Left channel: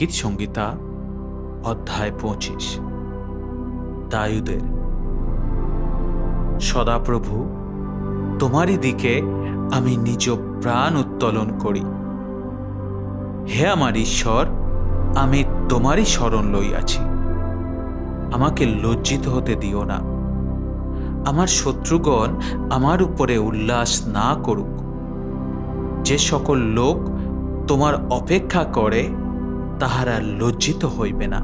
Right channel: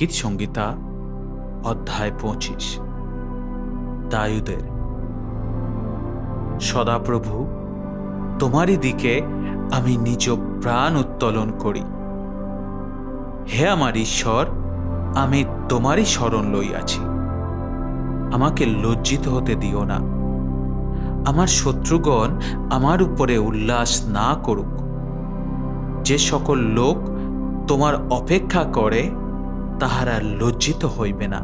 গীত সংহিতা অধ্যায় 25। দায়ুদের। সদাপ্রভু, তোমারই দিকে আমি নিজ প্রাণ উত্তোলন করি। হে আমার ঈশ্বর, আমি তোমারই শরণ লইয়াছি। আমাকে লজ্জিত হতে দিও না। আমার শত্রুগণ আমার উপরে উল্লাস না করুক। যে সকল লোক তোমার অপেক্ষা করে তাহারা লজ্জিত হইবে না।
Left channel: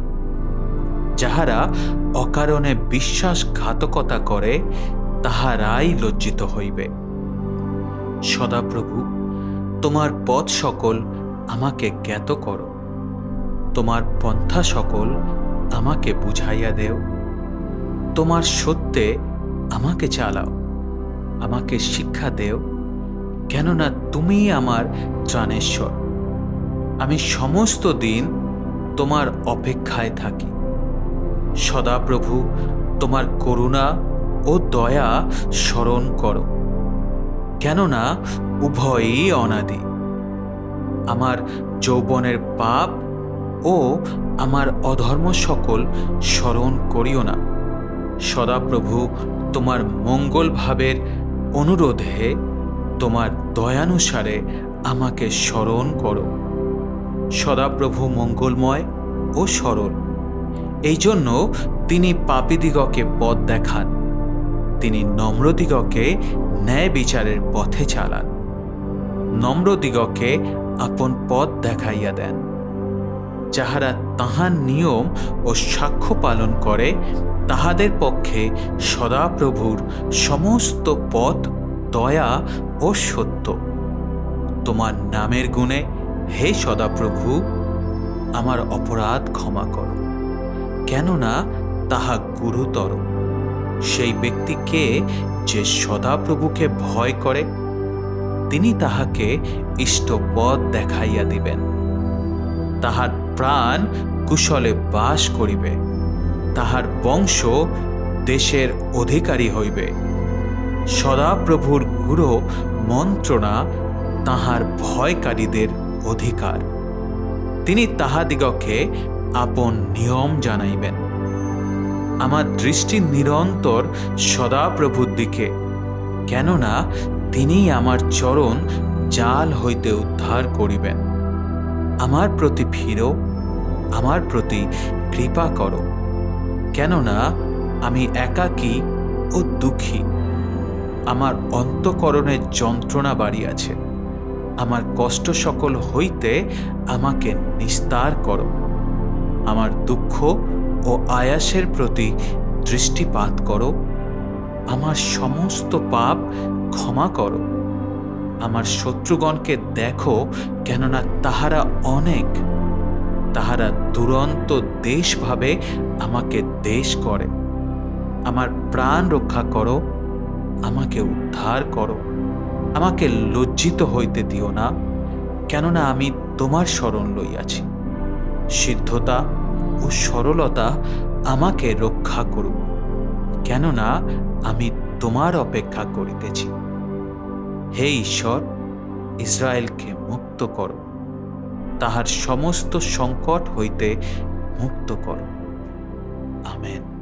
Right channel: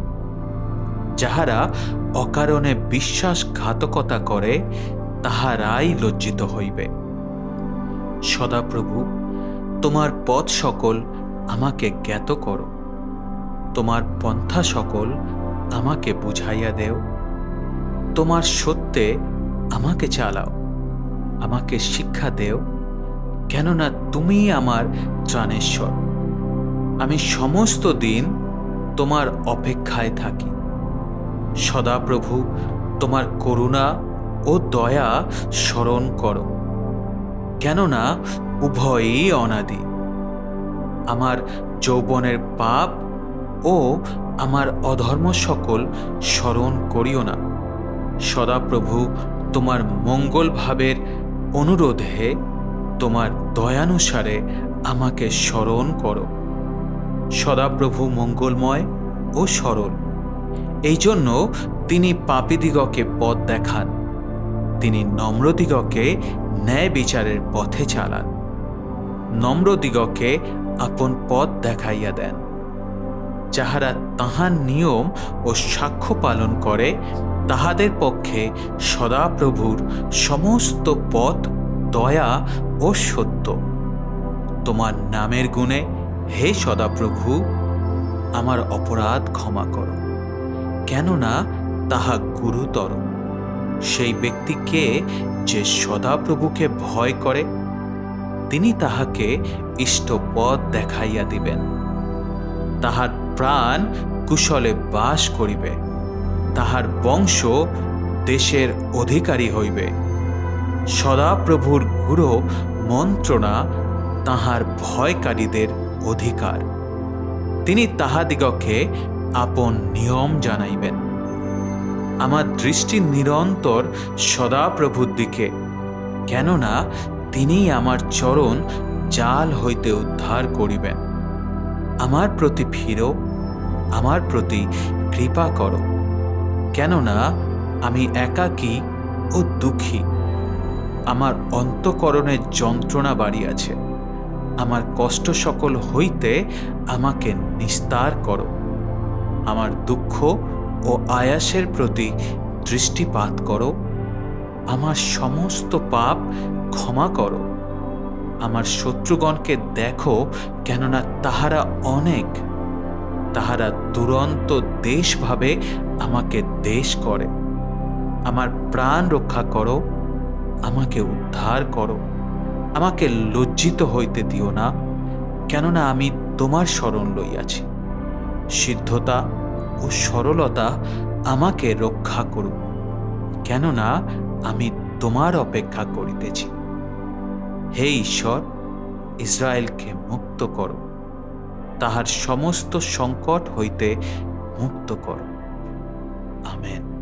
যাহারা অকারণে বিশ্বাসঘাতকতা করে তাহারাই লজ্জিত হইবে। সদাপ্রভু, তোমার পথ সকল আমাকে জ্ঞাত করো। তোমার পন্থা সকল আমাকে বুঝাইয়া দেও। তোমার সত্যে আমাকে চালাও, আমাকে শিক্ষা দেও, কেননা তুমি আমার ত্রাণেশ্বর। আমি সমস্ত দিন তোমার অপেক্ষায় থাকি। সদাপ্রভু, তোমার করুণা ও দয়া স্মরণ করো, কেননা উভয়ই অনাদি। আমার যৌবনের পাপ ও আমার অধর্ম সকল স্মরণ করিও না। সদাপ্রভু, তোমার মঙ্গল ভাবের অনুরোধে তোমার দয়ানুসারে আমাকে স্মরণ করো। সদাপ্রভু মঙ্গলময় ও সরল, এই জন্য তিনি পাপীদিগকে পথ দেখান। তিনি নম্রদিগকে ন্যায় বিচারের পথে চালান। নম্রদিগকে আপন পথ দেখাইয়া দেন। যাহারা তাহার নিয়ম ও সাক্ষ্য পালন করে তাহাদের পক্ষে সদাপ্রভুর সমস্ত পথ দয়া ও সত্য। তোমার নামের গুণে হে সদাপ্রভু, আমার অপরাধ ক্ষমা করো, কেননা তাহা গুরুতর। সেই ব্যক্তিকে যে সদাপ্রভুকে ভয় করে তিনি তাহাকে ইষ্ট পথ দেখাইয়া দিবেন। তাহার প্রাণ কুশলে বাস করিবে, তাহার বংশ দেশের অধিকারী হইবে। সদাপ্রভুর গুরু মন্ত্রণা তাহার ভয়কারীদের অধিকার। তিনি তাহাদিগকে আপন নিয়ম জানাইবেন। আমার দৃষ্টি নিরন্তর সদাপ্রভুর দিকে, কেননা তিনি আমার চরণ জাল হইতে উদ্ধার করিবেন। আমার প্রতি ফিরো, আমার প্রতি কৃপা করো, কেননা আমি একাকী ও দুঃখী। আমার অন্তঃকরণে যন্ত্রণা বাড়িয়াছে। আমার কষ্ট সকল হইতে আমাকে নিস্তার করো। আমার দুঃখ ও আয়াসের প্রতি দৃষ্টিপাত করো। আমার সমস্ত পাপ ক্ষমা করো। আমার শত্রুগণকে দেখো, কেননা তাহারা অনেক। তাহারা দুরন্ত দেশ ভাবে আমাকে দেশ করে। আমার প্রাণ রক্ষা করো, আমাকে উদ্ধার করো। আমাকে লজ্জিত হইতে দিও না, কেননা আমি তোমার শরণ লইয়াছি। সিদ্ধতা ও সরলতা আমাকে রক্ষা করুক, কেননা আমি তোমার অপেক্ষা করিতেছি। হে ঈশ্বর, ইসরায়েলকে মুক্ত করো, তাহার সমস্ত সংকট হইতে মুক্ত করো। আমেন।